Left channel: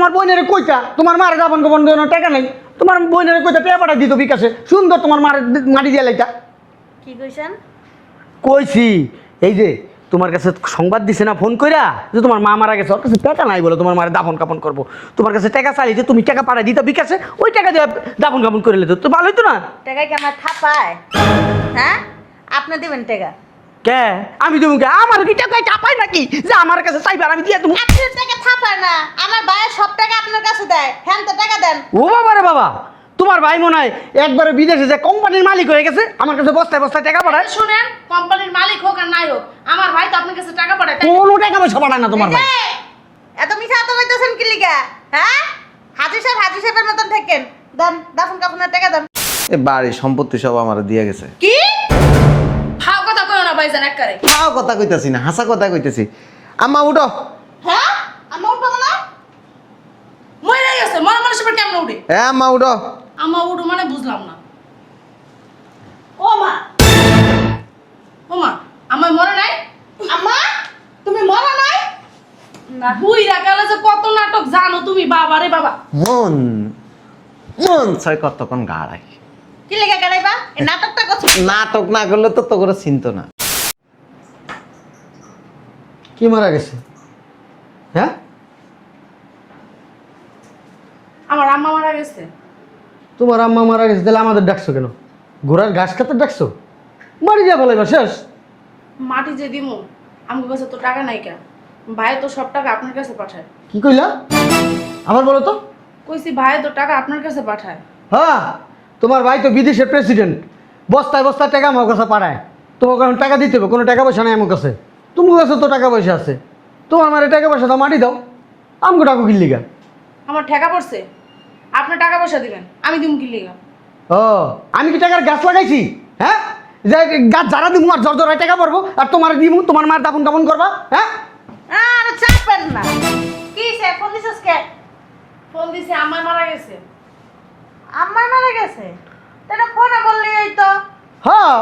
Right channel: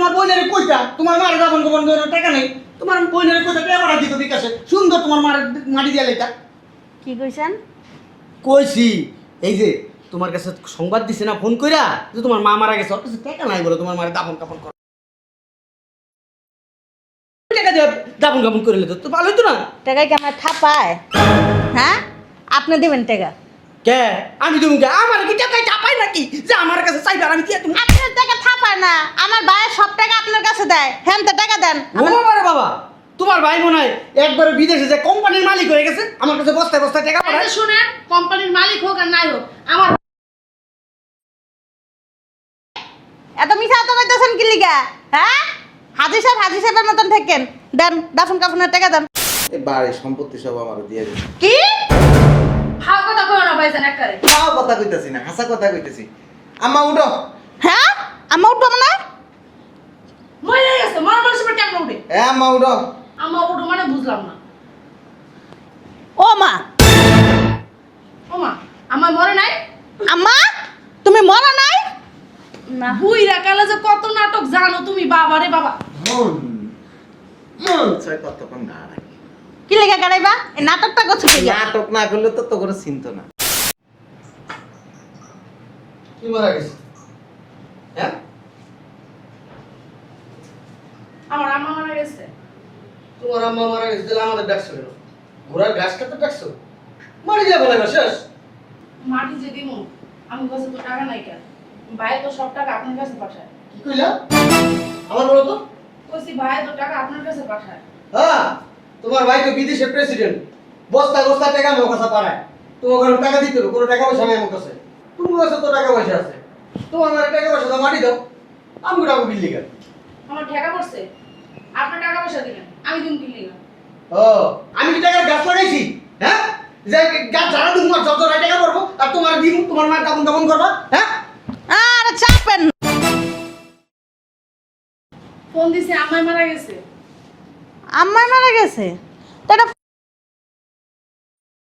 তোমার বোনের কইতা তোমার মার দাফন কাফন দেওয়ার টাকা নেই তোমার বোনের কইতা টাকা পাঠাই দিত বিকাশে সুন্দর তোমার মার মাটি দিয়ে লাইতা কি কইছেন? কইছি এই যে তোমার কাছে সংবাদ দিছে না ফোন কইরা যে তোমার মা মারা গেছে ওর কাছে টাকা নাই বলে তোমার মারে দাফন কাফন করবো তোমার কাছে টাকা চাইলে যে তুমি টাকা পাঠাই দিতা বিকাশে ওই টাকা দিয়ে দাফন কাফন করে লেতো তো ভালো হতো না টাকা কি আমার থাপায়? হ্যাঁ, আপনি দেবেন টাকা? কে আমি তুমি আমার কি টাকা চাপাই নাকি যে আমার কাছে চাইবে আর আমি দিয়ে তুমি আপনার টাকা থাপায় না, আমার ভাই সব টাকা আপনার কাছে দেয়। হ্যাঁ, তো টাকা দেন। ও বাবা রে বাবা তোমার ভাই মনে হয় একবারে বিদেশে যে কোম্পানির মালিক হয়ে গেছে আমার কাছে বস্তায় বস্তায় টাকা পাঠায় শুনেন, কোম্পানির মালিক হোক আর নাই হোক, আমার ভাই তো আপনার কাছে টাকা পাঠায়। কোনো টাকা পয়সা পাঠায় না তোমার ভাই এত মিছা তো কইতেছেন কি লিগা? হ্যাঁ, হাজি সাহেবের মতন থাকেন। দেন, দাফন কাফনের টাকা দেন। এ বাড়ি সম্পত্তি সব আমার দিয়ে গেছে। কি? হাও কথা কইও না ভাইজান একবারে। তাও কথা কইতাছি না, হাসা কথা কইতেছি। আম্মা উঠো। হ্যাঁ, আমার উঠবো না? মরে গেছে, মরা মানুষের উপর কেমন উঠে? হ্যাঁ আম্মা উঠো। আমার উঠো মানে বুঝলাম না। ও মা, ওমা, আমার মরে নাই? আম্মা, তুমি মরো নাই? বুইরা কালে যে কত নাটক জানো তুমি, বাবা রে বাবা। মন মন ছয় কতক্ষণ গাড়াই। কি লেগে গাড়াইবা? এই নাটকটা করছো কি? নাটক না করলে তো তো করে চিনতো না। কি মারা গেছে হ্যাঁ আমার আম্মা মারা গেছে। তোমার আম্মা মারা গেছে তাহলে আমাদের ডাকছো কেন ঘোড়ার ঘাস খেতে ডাকছো মারি যাবো লাগবে শেষ মাটি যে দিমু, আমার কাছে তো টাকা নাই কেন? ভাই তো সব টাকা আপনার কাছে পাঠায়। কি কইলা আমার বলো তো কইছি ভাই তো টাকা আপনার কাছে পাঠায়। হ্যাঁ তোমার ভাই তো বিদেশের প্রেসিডেন্ট বস্তায় বস্তায় টাকা আমার কাছে পাঠায় তোমার কারণ টাকা দিতে হবে কোনো টাকা পয়সা নেই আমার কাছে তোমার কাছে তো টাকা পয়সা আছে তোমার আমার টাকা পয়সা দাও মাটি দাও আমাকে টাকা কিনলি গা আমার ঠেকা পড়ছে, আপনি টাকা পয়সা দিবেন, আমি দিম কি লিগা? ও আমি কি টাকার গাছ লাগাইছি হ্যাঁ যে গাছ যারা দিব আর যত টাকা পড়বো আর তোমার দিব তোমার মা তখন তখন করবা হ্যাঁ আরে চাপেন না। কি সে ফোন দিছস কে? ফোন দিছি, আম্মাই মারা গেছে। আম্মা মারা গেছে? তো এটা ফোনে বললি এই তো। হ্যাঁ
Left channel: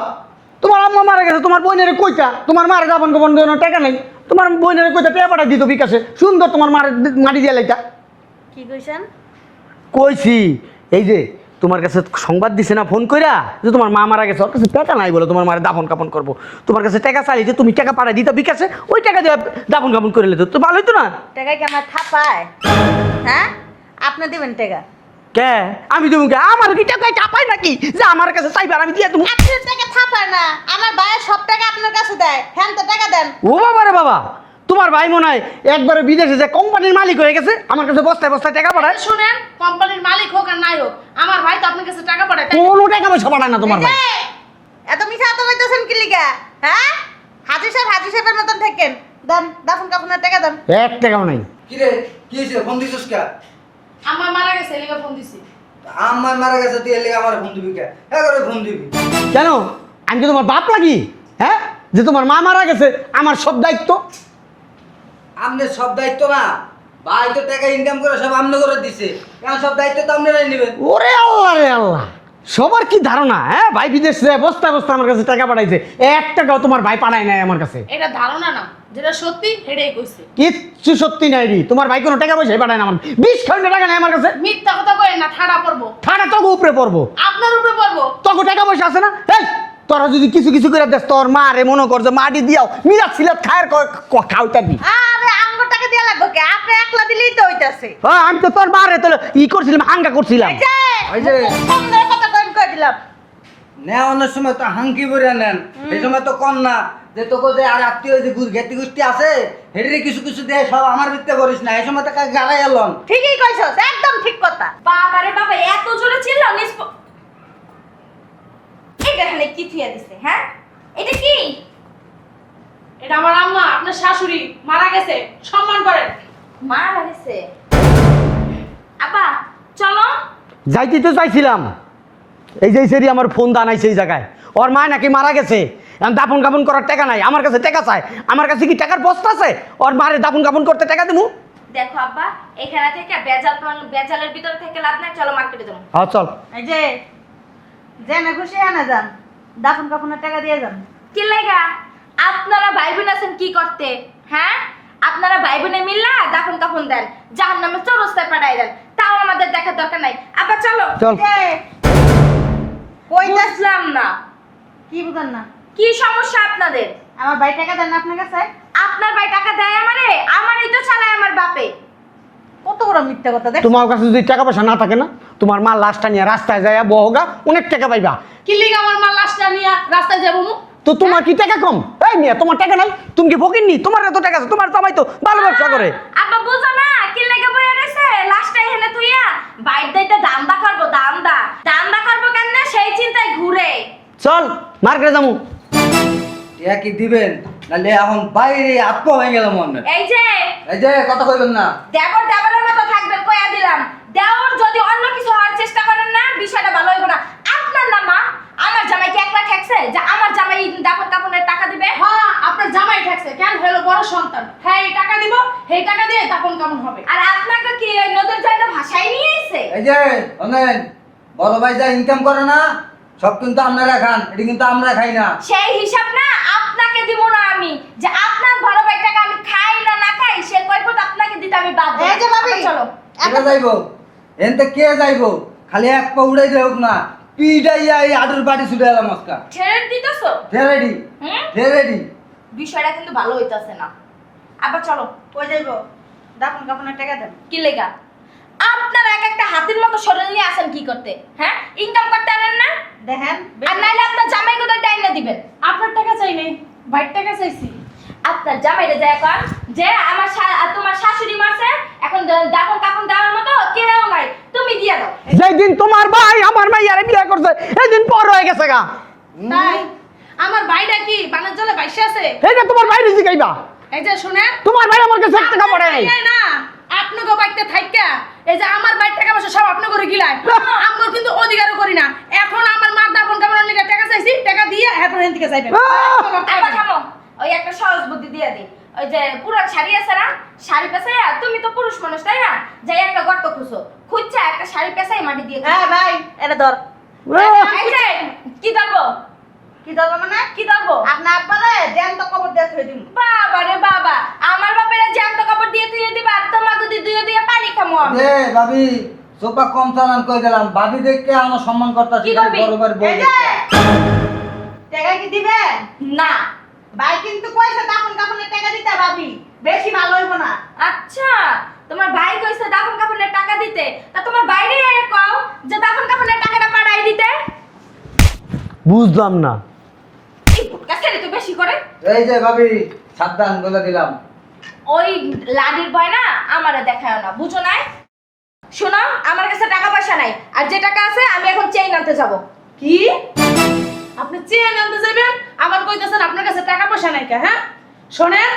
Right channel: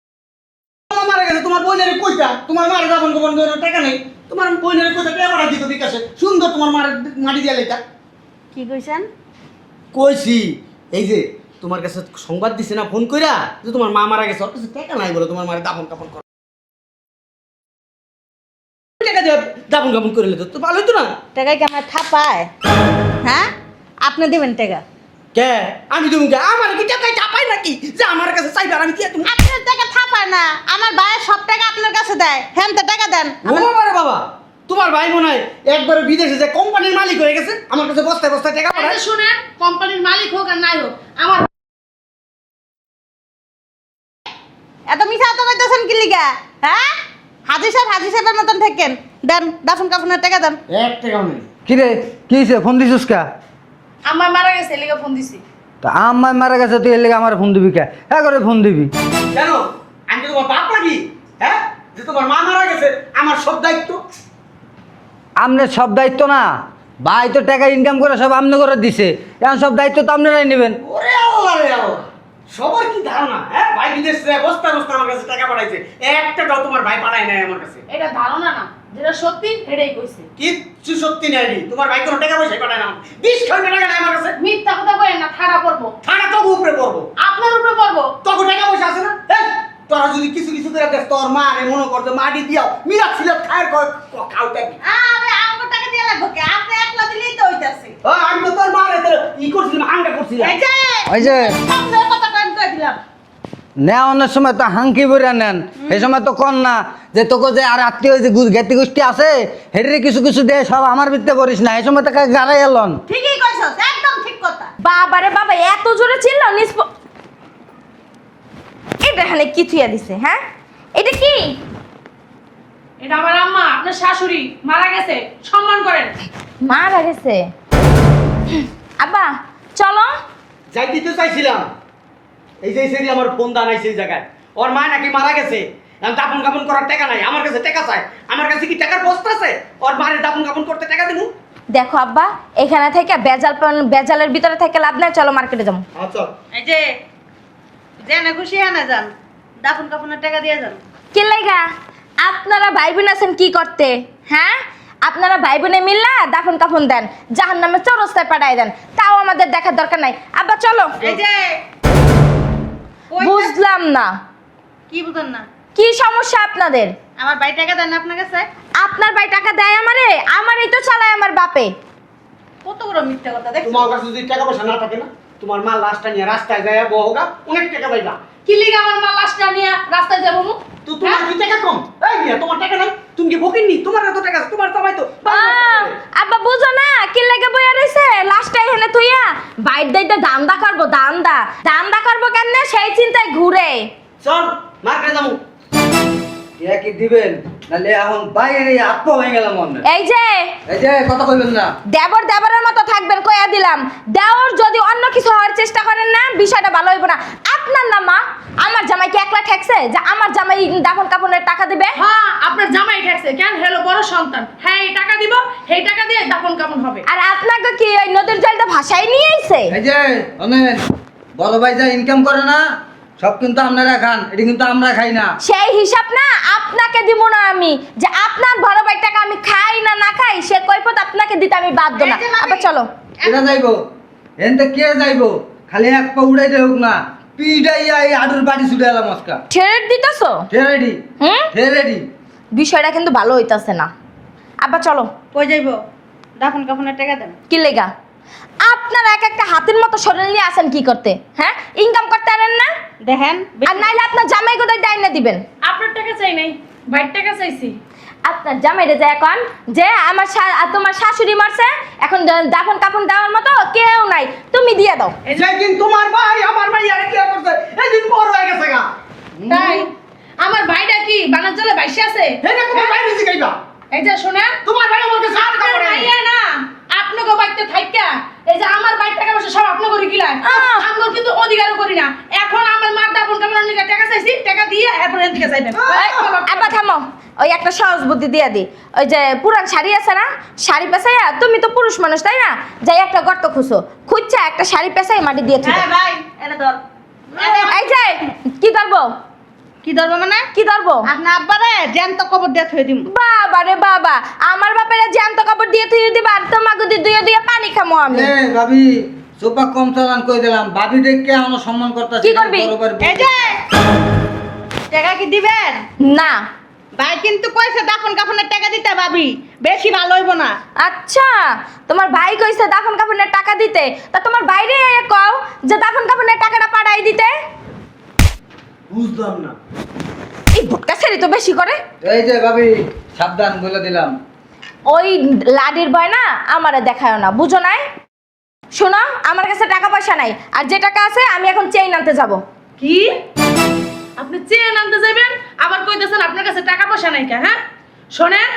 তোমার আম্মা মারা গেছে তোমার বোনের কইতা তোমার মার দাবন কাপন দেওয়ার টাকা নেই তোমার বোনের কইতা টাকা পাঠাই দিত বিকাশে সুন্দর তোমার মার মাটি দিয়ে লাইতা কি কইছেন? কইছি এই যে তোমার কাছে সংবাদ দিছে না ফোন কইরা যে তোমার মা মারা গেছে ওর কাছে টাকা নাই বলে তোমার মারে দাফন কাপন করবো তোমার কাছে টাকা চাইলে যে তুমি টাকা পাঠাই দিতা বিকাশে ওই টাকা দিয়ে দাফন কাপন করে লেতো তো ভালো হতো না টাকা কি আমার থাপায়? হ্যাঁ, আপনি দেবেন টাকা? কে আমি তুমি আমার কি টাকা চাপাই নাকি যে আমার কাছে চাইবে আর আমি দিয়ে তুমি আপনার টাকা থাপায় না, আমার ভাই সব টাকা আপনার কাছে দেয়। হ্যাঁ, তো টাকা দেন। ও বাবা রে বাবা তোমার ভাই মনে হয় একবারে বিদেশে যে কোম্পানির মালিক হয়ে গেছে আমার কাছে বস্তায় বস্তায় টাকা পাঠায় এই যে শুনেন, কোম্পানির মালিক হোক আর নাই হোক, আমার ভাই তো আপনার কাছে টাকা পাঠায়। কোনো টাকা পয়সা পাঠায় না তোমার ভাই এই, এত মিছা তো কইতেছেন কি লিগা? হ্যাঁ, হাজি সাহেবের মতন থাকেন। দেন, দাফন কাফনের টাকা দেন। এক টাকাও নাই কি রে কি হয়েছে ফোন দিছিস কা? আম্মা মারা গেছে, এলিগা ফোন দিছি। তা আম্মা মারা গেছে তুই এর লেগে আমার ফোন দিবি কে? হ্যাঁ করে ফোন দিবি কেন আমি তো তোমার বাপ লাগি হ্যাঁ যে তোমার মা মারা গেছে আমার সব দায়িত্ব আপনার সব দায়িত্ব না, ভাই তো টাকা ইনকাম করে সব আপনি করে দিছে, এখন সব দায়িত্ব তো আপনারাই নেবেন। ওরে আল্লাহ রে আল্লাহ সবার কি ধারণা হ্যাঁ ভাই বিদেশ বস্তা বস্তা আমার কাছে টাকা পাঠাইছে এক টাকাও তোমার ভাই পাঠায় নাই আমার কাছে এটা ধারণা না, যেটা সত্যি সেটাই কইছে। কিচ্ছু সত্যি নাই রে তোমার ভাই কোনো টাকা পয়সাই পাঠায় না আমার 20 টাকা নাই আমার কাছে মিথ্যা কথা কইেন না, ঠাড়া পড়বো। থানা তো উপরে পড়বো আপনার উপরে পড়বো। তখন টাকা পয়সা আছে না এই তোরা যদি কিছু কিছু করে দেখ তোর মা রে মনে কর যে মাটি দিয়াও মিরাজ সিলাত খায়ের খাওয়াইতাবি আরে আমার টাকা দেয়া লাগবে কে? আপনি একলা দিলেই তো হইতাছে। আমি তো তোর মা রে তোর ই করছিলাম আঙ্গা করছিলাম এই যে, ওই যে আপনার কথা কই দিলাম। নেওয়ানোর সময় তো হাঙ্কি ভরে নেন, এই সময় তো কন না যে তোকে যে আর আত্মীয় যে জ্ঞাতি গোষ্ঠী আছে হেডে কিছু কিছু দেয় সব আমার ভিত্তে করিস না, এই সময় তো গাড়াই এলন। ঠিকই কইছস, একদম ঠিক কথা। বাবারে বাবা এত জোরে চিল্লাও এটা এখানে কি থুইয়া দিছে? হ্যাঁ, এটা কি? এটা আমার আম্মা, আপনার শাশুড়ি মারা গেছে, সম্মান করেন। মারা গেছে? আব্বা চলো। যাইতে তো চাইছিলাম এই যে সেরি আমার ফোন দানাই সেই জায়গায় ওর মা নাকি মারা গেছে এখন দাফন কাপন করার টাকা নাই আমার কাছে টাকা চায় আমার কাছে কি টাকার বস্তা আছে ওর মারে দাফন কাপন করতে টাকা দেবো দেখো আব্বা, এখানে থেকে বেজালের ভিতরে থেকে লাভ নাই, চলো মার্কেটে যাবো। চল এই যে জেনে খুশি আনা যান, দাফন কাফনের টাকা দিয়ে যান। কি লাগা আপনারা ভাই বোন আছেন কি করতে? হ্যাঁ, আপনারা ভাই বোনে মিল্লা দাফন কাফন দেন, জাহান্নামে চৌরাস্তায় পাঠায় দেন, তাও আমাদের দেখার দরকার নাই। আব্বা চলো। এই যে ওই যে- বুঝলাম না কি বুঝেন না? কি সমস্যা আপনাদের? আমার ভাই টাকা দেন না আপনার কাছে? আপনার ভাই টাকা দেয় আমারে? আমারই তো চালায় আমার বাপে। কত বড় মিথ্যা কথা দেখ। তোমার কাছে যদি টাকা পয়সা না থাকে না, তোমার মা লাশটা নিয়ে রাস্তায় যায় বহগা, অনেক টাকা পাইবা। কি লিগা আমার মা লাশটা নিয়ে রাস্তায় যাবো মু? তো তোমার কি টাকা কম? এই মিয়া, তোমার টাকা নাই? তুমি কি ফকির নি? তোমার এত টাকা আছে, তোমার জামাই তো ভালো ব্যবসা করে। আব্বা বুঝো না কি লাগে বইয়া রইছে? লাস্টটা এখানে তুইয়া বাইর দেইতে দান্দা করবো, দান্দা করবো কেমনে সেই চিন্তায় ঘুরে। চল মার্কেটে যাবো। ইয়া কি দিবেন নালে এখন বাইরে আত্ম হয়ে গেলাম মনে। এই যে এই যে কথা কইবেন না। দেবরের মতো থাকবেন, কইয়া দিলাম। দেওর যদি অন্য কিছু হওয়ার চেষ্টা করেন না, বিষয়টা ভালো হইব না। আপনার না মা, আমার জামাই কি একলা ঠেকছে যে আমার জামাই দাফন কাফনের টাকা দিবে? হ্যাঁ, আপনার জামাই ঠেকছে কেন? হেলো বড় সন্তান, হ্যাঁ এই টাকা দিব, সেই টাকা দিয়ে দাফন কাফন হবে। আর আপনাকে কি ওই নদীর জলটা ভাসাই নিয়ে আইছে? এই যে অনেক বড় ভাই যা ইনকাম করে না সব কিন্তু আপনারা খান, এটা কিন্তু আমরা খাই না। সেই হিসাব না আপনাকে দিব না আমি, যে আপনার বড় ভাই টাকা আমি খাই না না খাই সে কৈফত আপনাকে দিতে আমি বাধ্য এই না। যে ভাবি। আচ্ছা, চলো। এটা যাইবো এনতে কে যাইবো? খালি এক পা উড়াইতে হোক না, পিডাইয়া এই আডুর বাড়ি ছুটে এলাম আজকা। ছেড়ে দিতেছো? রেডি হুম, রেডি। বিষয়টা কিন্তু ভালো হইতাছে না। আব্বা চলো। কই যাইবো? দাফন কাফনের টাকা দেন। কি লেগা? আপনারা এক একটা হাতির মতো শরীর নিয়ে আসেন কি করতে? হ্যাঁ, ইনকাম করতে পারেন না? দেখেন আর নাইলে আপনার জামাই কোথায় ডাইনা দিবেন? আপনার টাকা চাই নাই, ভাইয়ের টাকা চাইছি। আপনার জামাইরে যে এখন যে আমার তোমার শাশুড়ি মরছে, এখন দাফন কাফন দেওয়ার মতো কেউ নাই, তুমি দিয়ে দাও। যেদিন তোমার ভাই আমার মাইয়ারে বিয়ে করছে, এদিন পর হয়ে গেছে গা। তাই আমার ভাইটা কি বাণিজ্যলে বাইসে আছে? এইটা তোমার বাইরে শিখাইবা। এই যে শোনেন, তোমার ভাই আমার কাছে টাকা আপনার পড়ে নাই। ভাইয়া না, আপনাকে বাইতে থাইকা এই যে আমার বাইর টাকা পয়সা সব আপনি করে গিলাই, আমরা কিন্তু অধিকারও করি না। এখন আমার মার দাপন কাপড় নিয়ে টাকা চাইছি, টাকা দিয়ে এরপর এখান থেকে যাইবেন। আব্বা থামো, ওই একটা সহজ বুদ্ধি দিয়ে দি। ওই যে পুরান শাড়ি আছে না, শাড়ি পেছাইয়া, তুমি তো পুরুষ মানুষ তাই না, যাই একটা গর্ত খুঁজছা একটা শাড়ি পেছাই মাটি দিয়ে থুই। হ্যাঁ ভাই, এনে ধর। এই যে কি ধরবো? কি ধরবো মানে? কি ধরবো? আপনার আব্বারে জ্যান্ত কবর দিয়ে থই দিম। বাবা রে বাবা, আমার বাপের জ্যান্ত কাপড় দিয়ে থুই দিবা আর তোমাকে দিয়ে দিয়ে পানি খামো আমি। এ ভাবি সোপা কম চালান কই দিলাম, ভাবি দেখে আমরা সম্মান করতেছি। কি করবি? বড় এই যে টাকা কি দিবেন? না। ভাই কিন্তু কইছে দাফন কাফনের টাকা দিতে ভাবি, বেশি ভালো হইব না। আচ্ছা, তোমার ভাই কইছে দাফন কাফনের টাকা দিতে, তা তোমার বাইরে কও যে দাফন কাফনের টাকাটা পাঠাই দিতে। বুঝলাম না। এই ভুটকা ছেড়ে তো বেশি করে। এই যে ভাবি সাবধান বলে দিলাম। ওই লাডির ভয় না আমারে দেখায় না, বুঝো নাই? শোনো, আমার কাছে টাকা পয়সা নাই, আর যে টাকা আছে আমি এখন চেইন আনতে যাব। কি আপনি চেন আনতে যাবেন, আবার কইতেছেন আপনার কাছে টাকা পয়সা নাই কে? হ্যাঁ শোনেন,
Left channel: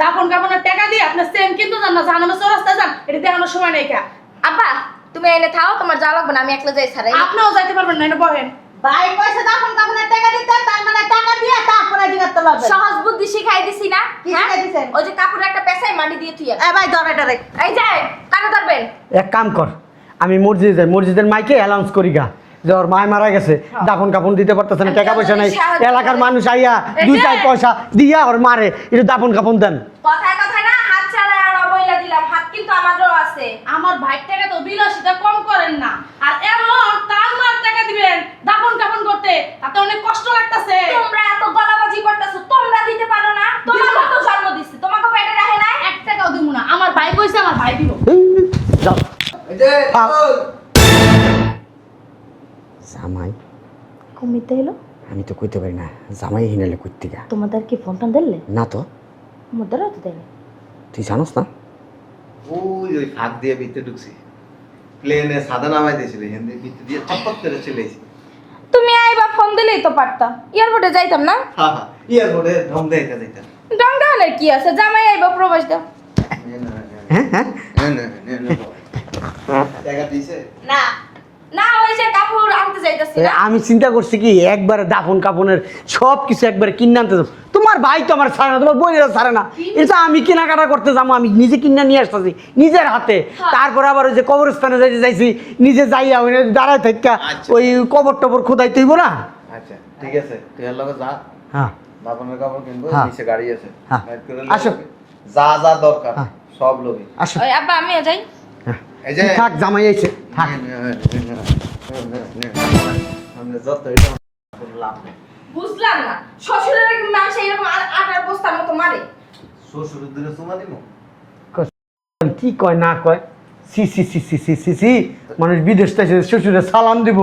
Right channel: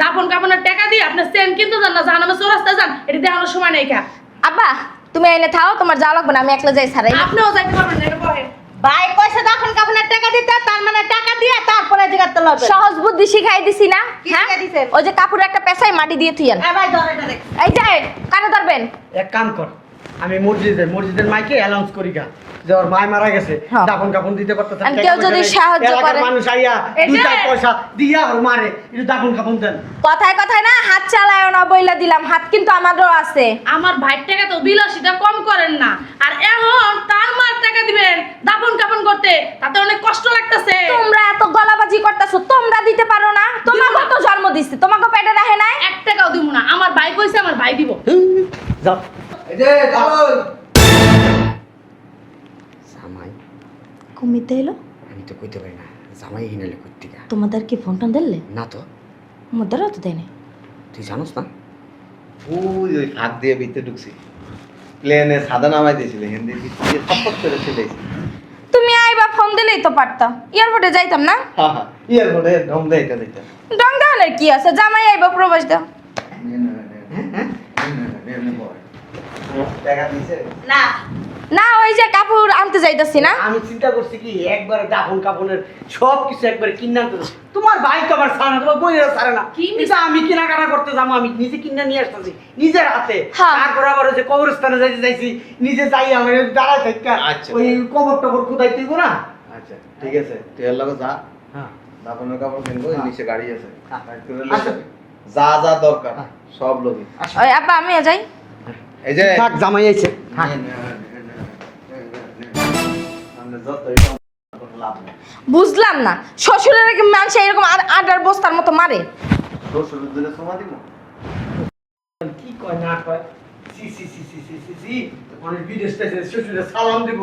দাফন কাফনের টাকা দিয়ে আপনি চেন কিনতে যান না, জাহান্নামে চৌরাস্তায় যান, এটা দেখানোর সময় নেই কা। আব্বা তুমি এনে থাও, তোমার যাওয়া লাগবে না, আমি একলা যাই ছাড়াই। আপনিও যাইতে পারবেন না, এটা বলেন। ভাই কইছে দাফন কাফনের টাকা দিতে, তার মানে টাকা দিয়ে তারপরে জিগাতে লবে। সহজ বুদ্ধি শিখাই দিছি না? কি হ্যাঁ? শিখাই দিছেন? ওই যে কাপড় একটা পেছাই মাটি দিয়ে থুইয়ান। এ ভাই ধর এটা রে। এই যে কানে ধরবেন। এক কাম কর, আমি মসজিদের মাইকে অ্যানাউন্স করি গা যে ওর মায় মারা গেছে, হ্যাঁ। দাফন কাফন দিতে পারতেছে না, আর টাকা কেউ পয়সা যদি নাই, সাহায্য এলাকার করে? মানুষ আইয়া এই দুই যে- চার পয়সা দিয়া ওর মারে একটু দাফন কাফন দেন। কথায় কথায় না হাত চালায় না, বইলা দিলাম, হাত কিন্তু আমারও আছে। আমার ভাইয়ের টাকা তো বিলাসিতা কম করেন না, আর এখন তার মার টাকা দিবেন দাফন কাফন করতে, তাতে অনেক কষ্ট লাগতেছে। তোমরা এত গলাবাজি করতেছো, তোমরা দিতে পারো না? তোমাকে তো জন্ম দিচ্ছে, তোমাকে পেটে রাখে নাই? এক টাকাও দিব না, আমার ভাই কইছে আমার ভাই দিব। যাও। এই যে চলুন। জামাই, কমিতে এলো? আমি তো কইতে পারি না, জামাই হিনালে কইতে গা। তোমাদের কি ফোনটা দিলে? না তো, আমাদেরও তো দেয়নি। তুই জানোস না? ওই ফাঁক দিয়ে ভিতরে ঢুকছি, প্লেনে সাদা নামাই দিয়েছিল, এখান দিয়ে চটপট করে চলে এসেছি। তুমি আইবা ফোন দিলেই তো পারতাম, এয়ারপোর্টে যাইতাম না? হ্যাঁ হ্যাঁ, এয়ারপোর্টে ঢং দেইতে দিতে। ডঙ্গানের কি আছে, জামাই আইবা প্রবাস দাও। টাকা দিছে? না না, ওই যে কাপড় আনতে যাইতাছি না। আমি চিন্তা করছি কি একবারে দাফন কাফনের সব কিছু একবার কিনে আনতে যাবো। তোমার ভাই তো আমার ছাড়ে না, তোমার বোনেরা ছাড়ে না, কিন্তু আমি কেনাকাটা করতে যাবো, আমি নিজে কিনে নিয়ে আসতেছি নিজের হাতে। হ্যাঁ। তারপরে আবার ওই যে কবরস্থানে যাইছি, নিজে যাইয়া ওই দাঁড়ায় থাকা আচ্ছা। ওই কবর টবর খোদাই তৈব না। আচ্ছা ঠিক আছে, তুই এর লগে যা, হ্যাঁ দাফনের কাপড় কিনবো, হ্যাঁ। নিচে গাড়ি আছে, হ্যাঁ। রাইড করে আসো, যা যা দরকার হ্যাঁ। সব লোকে আসো ওই আব্বা আমিও যাই। এই যে থাক, জামাই আইছে। হ্যাঁ। আমরা যত এটা কোনো লাভ নেই। বুঝলাম না শ্বশুরের মানুষ এরকম আডার বস্তার মতো মারে। শ্বশুরের দিনে সময় দিব কি কয় না কয়, সি সি সি সি সি সি সি, মানুষ বিদেশ থেকে শ্বশুরে সালাম দিব,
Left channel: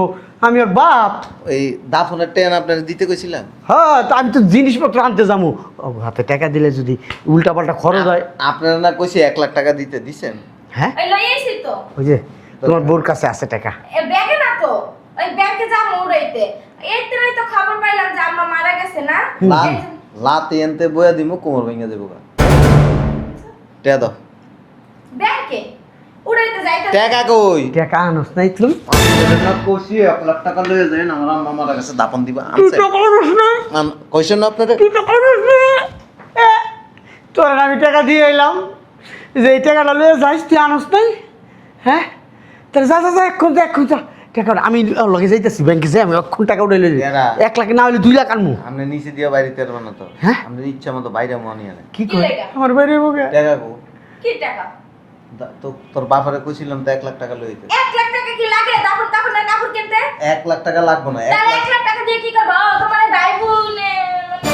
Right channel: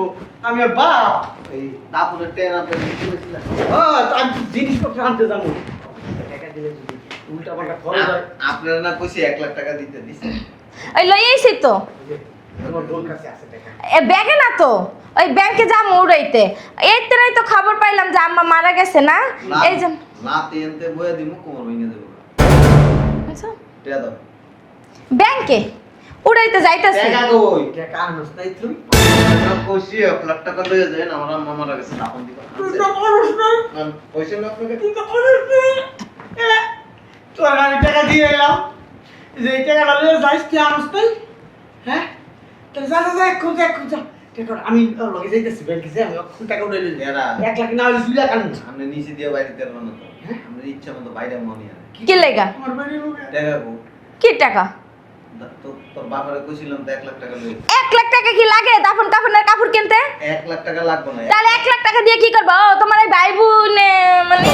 আমি আর বাপ। এই দাফনের ট্রেন আপনার দিতে গেছিলাম হ্যাঁ, তা আমি তো জিনিসপত্র আনতে যাবো, ও হাতে টাকা দিলে যদি উল্টা পাল্টা খরচ হয়। আপনার না কইছি 1 লাখ টাকা দিতে দিছেন হ্যাঁ, ওই লই আইছি তো। ওই যে তোমার বোর কাছে আছে টাকা। এ ব্যাগে না তো, ওই ব্যাংকে যাবো উড়াইতে। এইতেই তো খবর পাইলাম যে আম্মা মারা গেছে না। এই যে লাতে এনতে বয়া দিমু কোমর ভেঙে দেবো গা টেয়া দাও ব্যাংকে উড়াইতে যাইতাছি। টাকা কই টাকা আনস নাই তুমি? কইছি 1 লাখ টাকা লয়ে যাবেন আমার আম্মা মারা গেছে দাফন দিবা আনছে কইছেন না আপনাদের তোর আমি টাকা দিয়ে এলাম, যে এই টাকাটা লয়ে যাইস, তুই আনস নাই? হ্যাঁ, তাহলে যা যা যা, এখন যা, এখন যা টাকা। আমি লগে যাইতেছি ব্যাংকে, যাই আমি এখন টাকা উঠে লই। এরা। 1 লাখ না হলে 2 লাখ আনবো। আপনি নিচে দিয়ে বাইরে তেরবেন না তো হ্যাঁ? আপনার ইচ্ছা মতো বাইরে মনে আনে কি কয়? লেগা? আমার বাইরে মুখে টাকা কো কি টাকা? তো তোর বাপারে কইছিলাম তো 1 লাখ টাকা লইতে 1 লাখ টাকা কি লাগে দাফন কাফনের কাপড় কিনতে? 1 লাখ টাকা লাগবে না তাহলে 1 লাখ টাকা দিয়ে কি করবো? ও, তোমার এই ভাই বোন মানে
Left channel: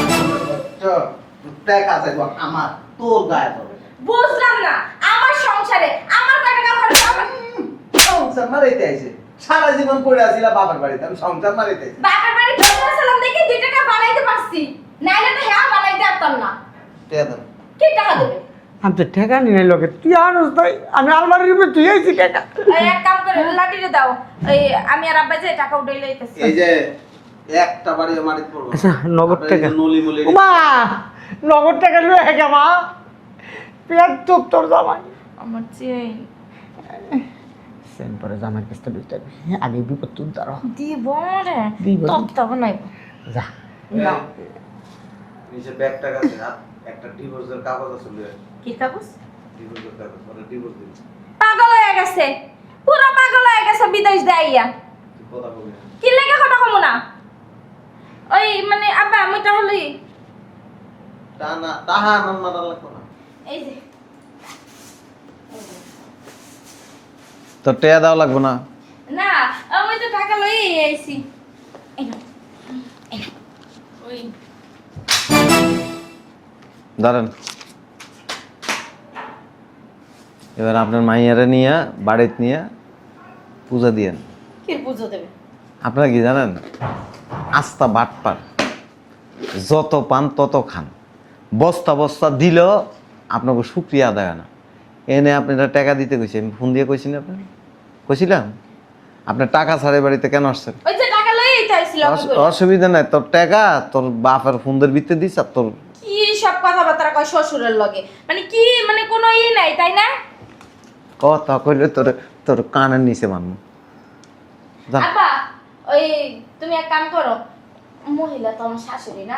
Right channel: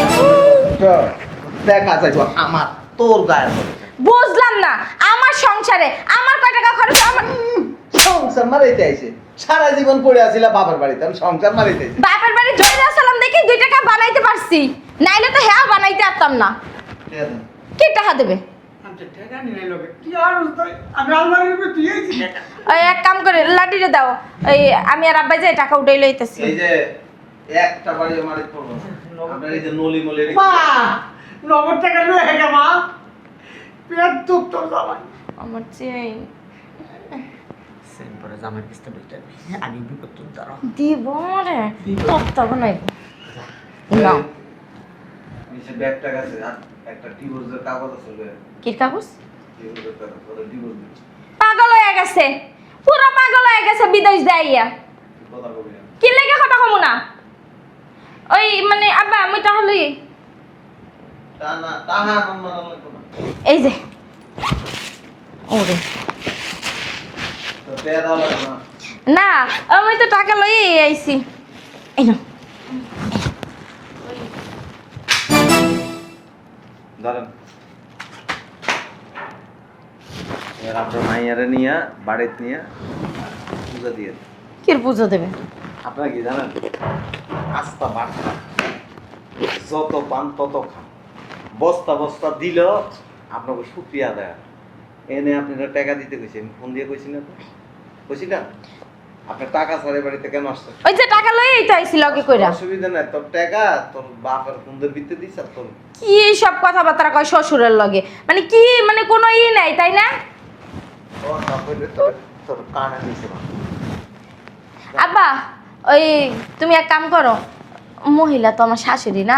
টাকা চাইবো আমার তোর গায়ে পড়ে। বুঝলাম না, আমার সংসারে আমার কয় টাকা খরচ আমার সংসার মারাইতে আইছে সারা জীবন পড়ে আসিলা বাবার বাড়িতে আমি সংসার মারাইতে আইছি বাপের বাড়ি জয় সালাম দেখি 2 টাকা বানাইতে পারছি, নাইলে তো হ্যাঁ বানাইতে পারতাম না। টাকা দাও কি টাকা দেবে? আমি তো টাকা নিয়ে নাই লগে, তুই আনস তাই আমি আলমারির উপরে তুই আইছি টাকা। ওই এক কাম করে লাঠিটা দাও, এই আমি আর আব্বা যাই টাকা উঠাই লইতেছি। এই যে একটা বাড়ি মারিত পড়বো আচ্ছা, নগদ টাকা। নলি মলি মা, নগদ টাকা লয়ে গা মা, পেট তো তোর জামাই। আমার চেয়ে সেন পরে জামাই কিস্তা দুইটা আমি বিপদ তুই দাঁড়াও। দিব রে দিব। তত্ত্ব নাই। যা, নাও। নিচে ব্যাগ টাকা আছে আর একটা ডিভোর্সের কাগজ আছে লয়ে কি কাগজ? ডিভোর্সের কাগজ করে ডিভোর্স দিবি পাগল হয়ে গেছে, পুরো পাগল হয়ে গেছে বিদেশ যাইয়া। কথা বলি কি লেগে কথা কমু না? ওই মানে আব্বা আমি তাহলে তা না তাহা কোন মানা লাগবে না এই যে ওরে তো টেয়া দাও লাগবে না না, আমি তো টাকা লই আইছি। এই নাও। ধরেন এবার আপনার মাইয়ারে নিয়ে বাড়িতে নিয়ে পূজা দিয়েন কি পুজো দেবে? আপনারা কি জানেন আস্তা বাটপার যত পান তত খান বস্তা বস্তা দিলেও আপনাকে শুক্রিয়া আদায় হয় না এনে আপনারা টাকা দিতে কইছি আমি ফোন দিয়ে কইছি না আপনার কইছিলাম আপনার টাকা ছাড়ে বাড়িতে কেন আসছেন ওই যে টাকা লই তো আইছিল কি কইরা? অসুবিধা নাই তোর টাকা তোর বাপের ফোনদের ভিতরে দিস আর তোর কি সব কথাবার্তা কয় শ্বশুরের লগে, মানে কি মানে কোনো ই নাই তাই না? কথা কইলে তোর তোর কানের নিচে মানবো যা। আব্বা ওই তুমি এক কাম করো, মহিলা তো আমার শাশুড়ি না,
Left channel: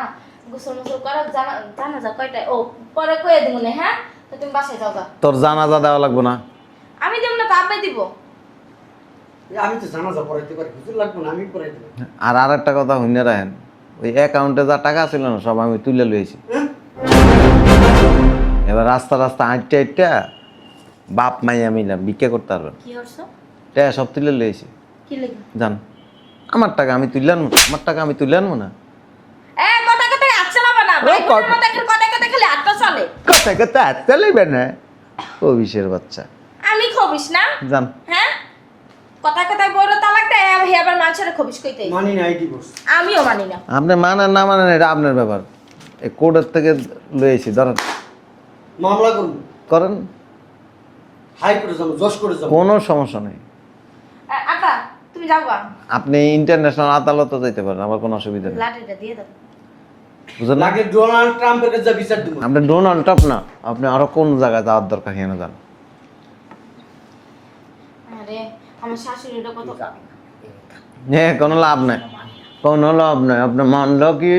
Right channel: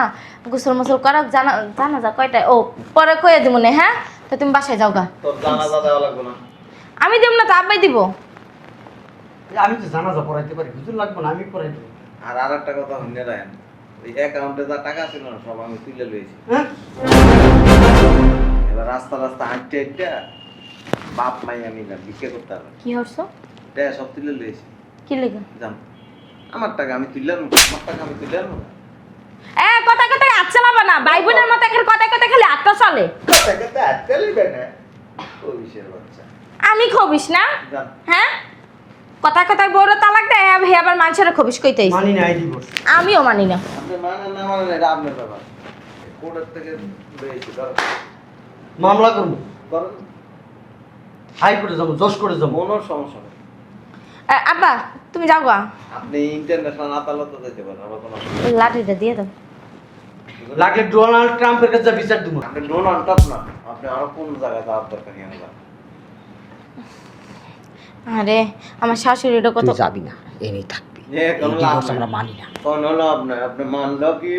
গোসল মোসল করা জানা জানা যা কয়টায় ও পরে কয়ে দেবো না। হ্যাঁ, তো তুমি বাসায় যাও গা। তোর জানাজা দেওয়া লাগবে না আমি দেব না তো আব্বাই দিব। আমি তো জানাজা পড়াইতে পারি, হুজুর লাগবে না, আমি পড়াই দেবো। আর আরেকটা কথা শুনে রাখেন ওই অ্যাকাউন্টে যা টাকা ছিল না সব আমি তুলে লইছি হ্যাঁ, এবার রাস্তা রাস্তা হাঁটতে হাঁটতে বাপ মাইয়া মিলা বিক্রি করতে পারবেন কি হরছো? টাকা সব তুলে লইছি কি লেগে? জান আমার টাকা আমি তুলে আনবো আমার টাকা আমি তুলে আনবো না এ কথা কথা আচ্ছা লাবা না, ভাই বোনের মতো এখন কথা কথা খালি আড্ডা চলে। কথা কথা চলিবে না অভিষের বাচ্চা আমি খবিস না? জান হ্যাঁ, কথা কথা বড় তালাক দেয় হে আবার মানুষের খবিস কইতেই। মানি নাই ডিভোর্স। আমিও মানি না। আপনি মানেন না মানেন এটা আপনার ব্যাপার এই কোর্টের থেকে লইছি ধরেন মামলা করবো, করেন হাইকোর্টে যাবো, জজ করে যাবো। কোনো সমস্যা নেই আব্বা তুমি যাও গা, আপনি ইন্টারন্যাশনাল আদালতে যেতে পারেন আমার কোনো অসুবিধা নেই লাঠিটা দিয়ে দাও। বুঝলেন লাগে ডোনাল্ড ট্রাম্পের কাছে যা বিচার দেবো। আপনি ডোনাল্ড ট্রাম্প না আপনি আরো কোন জায়গায় যাওয়ার দরকার কেন যান আরে আমার শাশুড়িটা কত তুই যাবি না, এনেই থাকবি। কোনো লাভ নাই আমরা মানি না। কোনো লাভ নাই আপনি মানলেও কি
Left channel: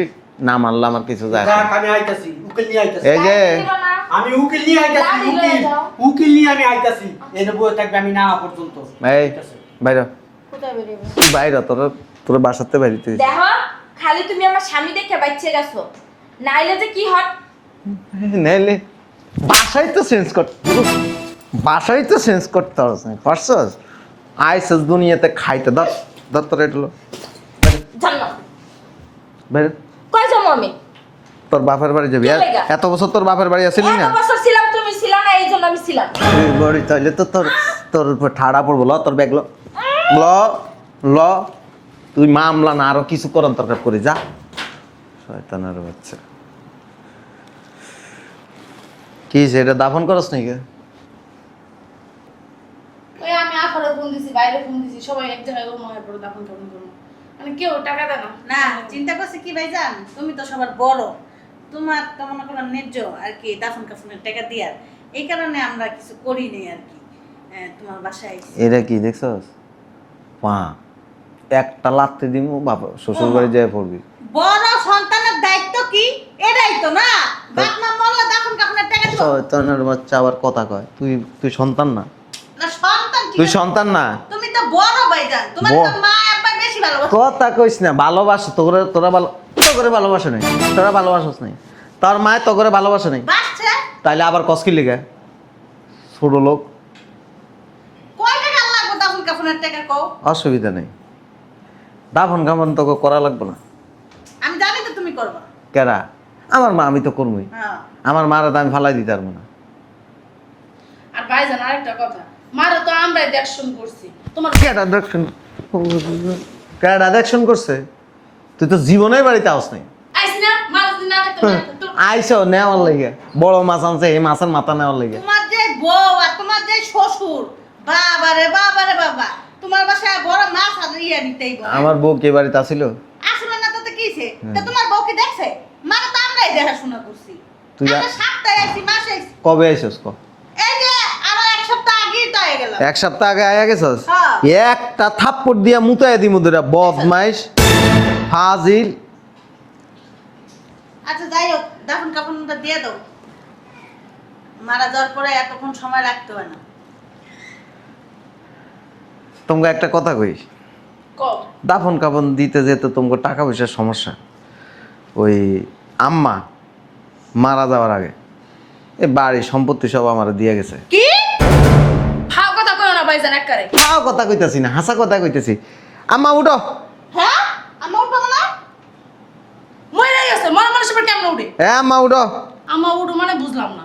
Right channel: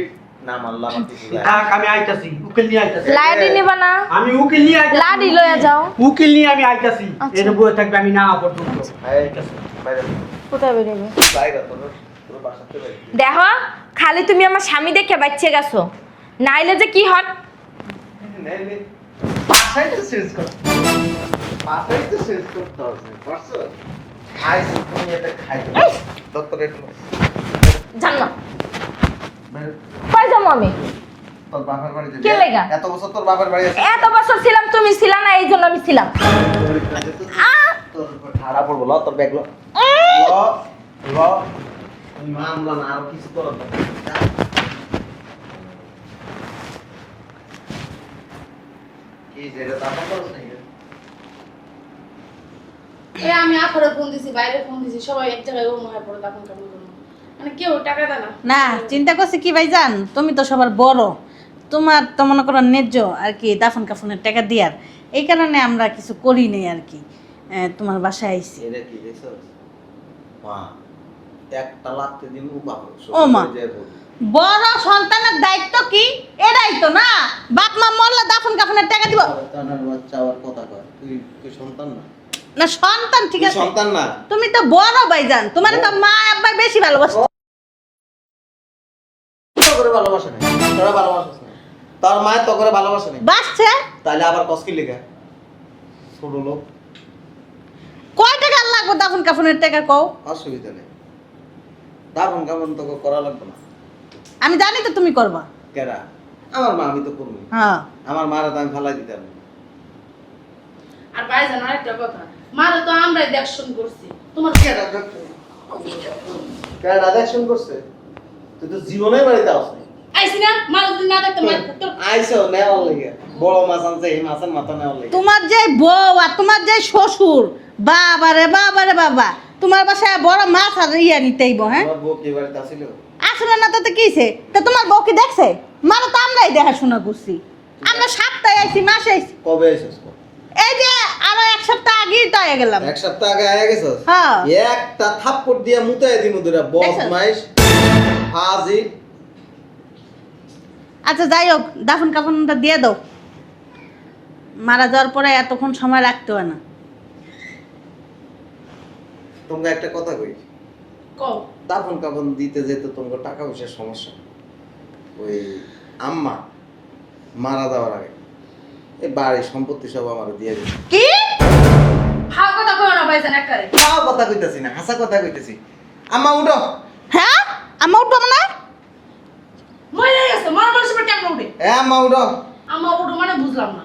না মানলে আমার কিছু যায় না। রাখ, আমি আইতাছি, উকিল নিয়ে আইতাছি। এই যে- লাঠি নিবা না? আমি উকিল নিয়ে আইতাছি। লাঠি লইয়া যাও। উকিল নিয়ে আমি আইতাছি। আচ্ছা। এর বই থাকবে, আমি না পর্যন্ত। এই বাইরে কোথায় বেরোবে? বাইরে তোর বাসাতে বাড়িতে দেখো খালি তুমি আমার স্বামী দেখে বাচ্চা গেছো, নাইলে যে কি হট। নাইলে বাসা বাসাই তো চেঞ্জ করতে হবে না পারছস আইসস দুনিয়াতে খাইতে দত্তর এটলো জানো বের কই যাবো আমি তোর বাপের বাড়ি যাবি কে লেগা? এত বছর তোর বাপের বাড়ি আসিস এত না বছর ছিলাম তুমি ছিলা না এই জন্য আমি ছিলাম বাড়ি তাহলে তো তোর উপর ঠাড়া পড়বো ল তোর ব্যাগ ল ল তুই মামলা না আরো কিছু করন তরকার করে যা শয়তানের বাচ্চা কি সেটা দাফন করস নাকি আমি আখরে ফোন দিছি বাইরে ফোন দিছি সবাই এক জায়গায় অন্য হয়ে পড়ে দাফন কাপন করে মানে কেউ টাকা দেয় না না চিন্তা করছি কি ভাইজান তুমি তো সবার বড় তোমার তো মনে করো ন্যায্য আর কি দাফন কাফনের টাকা দিয়ার এই কারণে আমরা কিছু করি নাই আর কি তোমার বাসায় আইছি এটা কি দেখছস মা একটা লাত্তি দিমু বাবা ও শ্বশুর মা। বাড়ি যায় পড়বি বড় সন্তানের দায়িত্ব কি এটাই তো না বাপ মা মরলে দাফন কাফনের টাকা দিব শয়তানের বাচ্চা আবার কথা কয় তুই সন্তান না না সন্তান ঠিক তুই আছে সন্তান না তুমি তো বড় ভাইজান তোমার তো বড়। মা আব্বা বেশি ভালোবাসে কথা কইস না ভালোবাসো তোরা ভালোবাসা নাই তোরা ভালোবাসস নাই তোর মায়ের তোরে ভালোবাসা নাই বাসছে তাইলে আবার কসকি লেগে ছোট লোক কয় টাকা লাগবে দাফন কাফনের টাকা কও অসুবিধা নেই দাফন কামন তোকে করা লাগবে না আমি জানি তো তুমি করবা কেরা আমার মা আমি তো করবই হ্যাঁ আমার মারা তো আমি ফালাই দিতে পারবো না আর ভাইজান আরেকটা কথা মারো তো আমরাই দেখশন করছি তোমার কেডা দেখশন করছে তুই তো জীবনে বাড়িতে আস নাই আইছি না মারো যদি না দেখতে তো আইসো নেওয়ার লাগে বড় মাছ আনছে এই মাছের মাথা নেওয়ার লাগে তোমার যে বউ আর তোমার যে শ্বশুর বাবা রে বাবা তোমার বাসায় বড় মাছ আর ইয়া নিতেইব হ্যাঁ আমার বউ কে বাড়িতে আসিল আসলে না তো কিছে তো তোমার বউ কি দেখছে মানে তো আমরাই দেখাশোনা করছি তুই আমরা সপ্তাহে আইছি মাসে আইছি কবে এসেছ ক এই যে আরো এক সপ্তাহ আগেই তো আগে গেলাম এক সপ্তাহ আগে আয়া গেছস হ্যাঁ। একটা থাপ্পড় দিয়া মুতায় দিমু দুরা বদমাইশ ফাজিল আচ্ছা যাই হোক দাফন কাফনটা দিয়ে দাও মারা যাওয়ার পরে এতক্ষণ সময় রাখতে হয় না তোমাকে একটা কথা কই কও দাফন কাফন দিতে যেতে তোমাকে টাকা পয়সার সমস্যা ওই আম্মা মারা যাওয়ার আগে এই বাড়ি সম্পত্তি সব আমার দিয়ে গেছে কি হাও কথা কইও না ভাইজান একবারে তাও কথা কইতাছি না হাসা কথা কইতাছি আম্মা উঠো হ্যাঁ আমার উঠবো না মরে গেছে মর মানুষের পেট কেমন উঠে হ্যাঁ আম্মা উঠো আমার উঠো মানে বুঝলাম না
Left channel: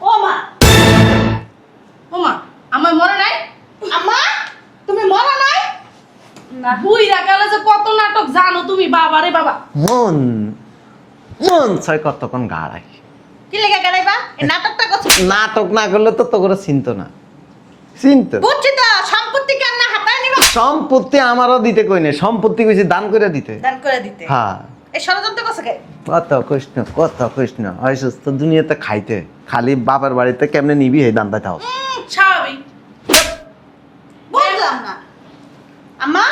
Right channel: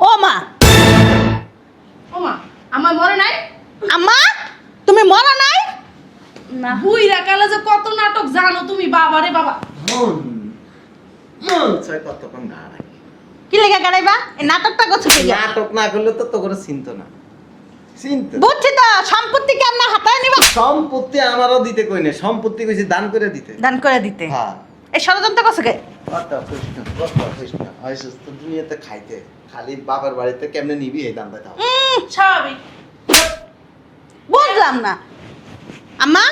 ও মা ওমা আমার মরে নাই আম্মা তুমি মরো নাই বুইরা কালে যে কত নাটক জানো তুমি বাবা রে বাবা মন মন ছয় কতক্ষণ গাড়াই কি লেগে গাড়াইবা এই নাটকটা করছো কি? নাটক না করলে তো তো করে চিনতো না চিনতো বুঝছি তো সম্পত্তি কেমন হাতায় নিবা সম্পত্তি আমারও দিতে কই না সম্পত্তি কইছি দান করে দিতে দান করে দিতে হ্যাঁ এই ষড়যন্ত্র করছো কে কত কৃষ্ণ হয় সুস্থ দুনিয়াতে খাইতে খালি বাবার বাড়িতে কেমনে নিবি এই দান্দায় থাও স্বাভাবিক বুঝলাম না আম্মা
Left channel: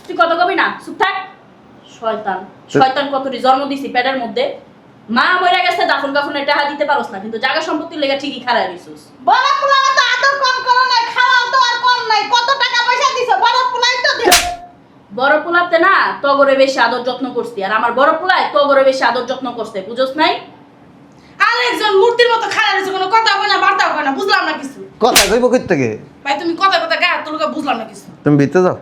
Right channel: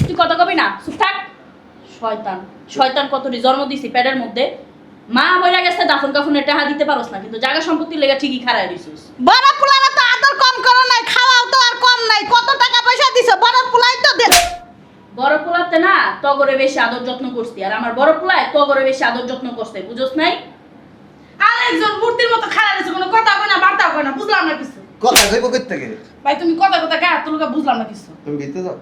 তুই কত কবি না চুপ থাক শয়তান শয়তান কতটি জন্ম দিছি পেটের মধ্যে মা মইরা গেছে দাফন কাফনের টাকা দিতে পারোস না কিন্তু জায়গা সম্পত্তির লেগে ঠিকই খারাপ দিছিস বড় পোলারা তো আদর কম করো নাই খাওয়াও তো আর কম নাই কত টাকা পয়সা দিছো বড় পোলাই তো দিও বড় পোলাতে না তগরে বেশি আদর যত্ন করছি আর আমার বড় পোলায় তগরে বেশি আদর যত্ন করতে বুঝোস নাই আরেকজন মূর্তির মতো খাড়া রয়েছে কোনো কথা হবে না বার্তা হবে না বুঝলাম না কিছু কথা কইব কই থেকে ভাই তুমি কথা গায়ে হাত তুলুকা বুঝলাম না কিছু তুমি ভিতরে যাও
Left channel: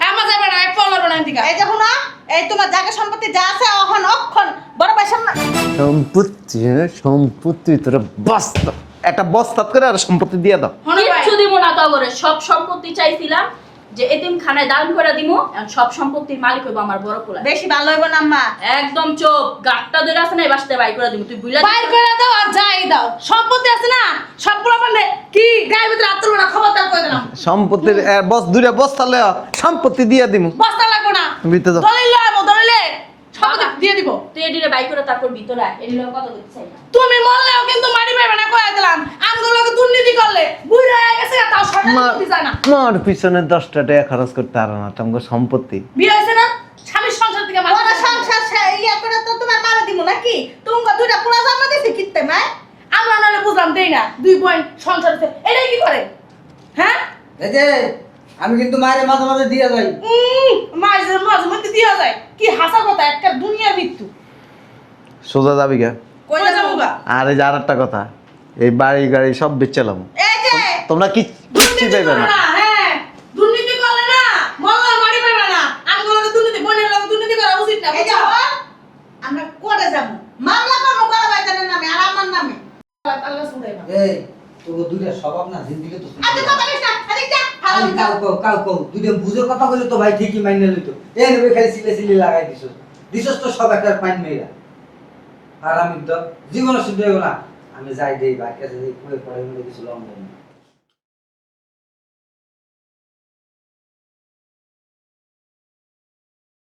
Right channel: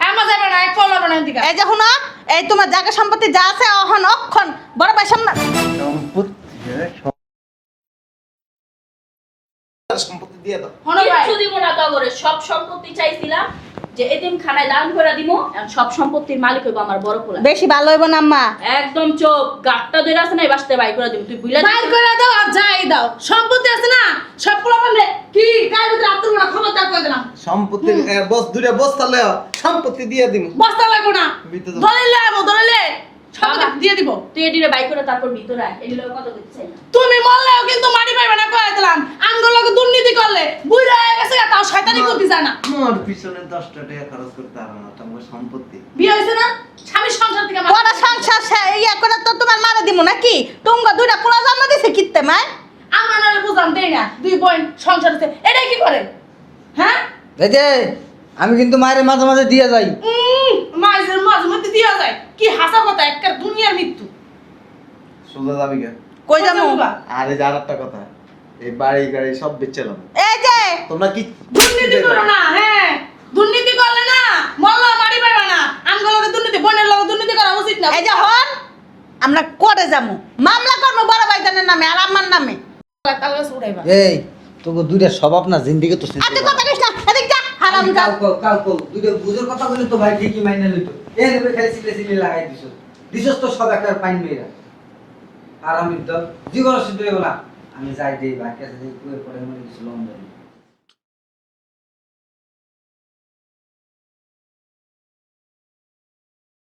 আমার যাবে না এক ফল হবে না এদিকে এই দেখো না এই তোমার জায়গা সম্পত্তি যা আছে অহন অক্ষণ বড় পয়সা না সম্পত্তি তোরা বস্তা একটা বস্তা করে আর সম্পত্তি দিয়ে দাও কিচ্ছু দিব না তগরে সব সম্পত্তি চাইছিলাম যে এতিম খানায় দান করে দিমু এখন সব সম্পত্তির মালিক হইব আমার বড় পোলা বেশি ভালো হইব না আম্মা একদম চোপ গাটটা ধরে আছে না এই বাসতে বাই করে দিমু তুই বুইলা বাইর করে দাও আর যাই দাও সম্পত্তি আছে না সব পোলা মানে কি গায়ে ভিতরে আত্মর না ক্ষমতা করে দিলাম সম্পত্তির দূরে বস্তা লেও সম্পত্তি দিয়ে দিমু বস্তা লাগবো না ভিতরে যাও দলিলে আমো দলিলে সম্পত্তি দিয়ে দিব তুই এদিকে বাই করে তারপর ভিতরে আয় এই লোক কথা বলতে চাই না তুমি মরলেও কিন্তু মারি পাইবে না কয়ে দিলাম আমগুলোকে দুর্নীতি করলে বুড়া হয়ে গেছে তাও শয়তানি করতে যায় না মোর পিছনে 10টা টাকা খরচ করতে আর না তোমাকে সম্পত্তি বিয়ে হয়েছে না স্বামীর সংসার থেকে বড় সংসার ইয়া করে তো তোমার মারা দিব নাকি তুমি দুইটা পোলা জন্ম দিছে কিত্তে মা আমরা না বুঝলাম দেই না 2 পয়েন্ট সংসার আছে এটাই কি করে হ্যাঁ এই যে আমি কিন্তু মায়ের মাঝে মাঝে দিয়ে যাই মাঝে মাঝে মধ্যে দিয়ে যায় কি হাসা কথা একটা দুনিয়ার মৃত্যু সোজা যাবি কে কই যাবো আর এই যে আর একটা কথা, এই বাড়ি গাড়ি সব বেচলাম। এই যে তোমরা কি দুর্নীতি করো না, হ্যাঁ দুর্নীতি করলে না মল্লার বাড়ি পাইবা না। আমগুলোকে দুর্নীতি, বোনের লোক দুর্নীতি করা উচিত না। এই যে হন আমরা করে যাবো মামলা করবো বড় ভাইজানের নামে আর আমার নামে। তাহলে উঠাইবা। এই তোকে দুইটা স্বভাব না জিন্দিগি তো শেষ আচ্ছা কথা কইছ না এদিক যা হারাম যা। কাউ দুইটা বুঝোর কথা বলে তো ভাই ঠিকই মাইনে লইতো। এই নেবে খালি সিলে লাগাই দিছস তো সব একটা পাইন মেয়েরা। আর আমি তো জীবনে শুধু না আমি যাই দেই ভাই কাছে কুয়ের পড়াই মনে কিছু লন্ডনে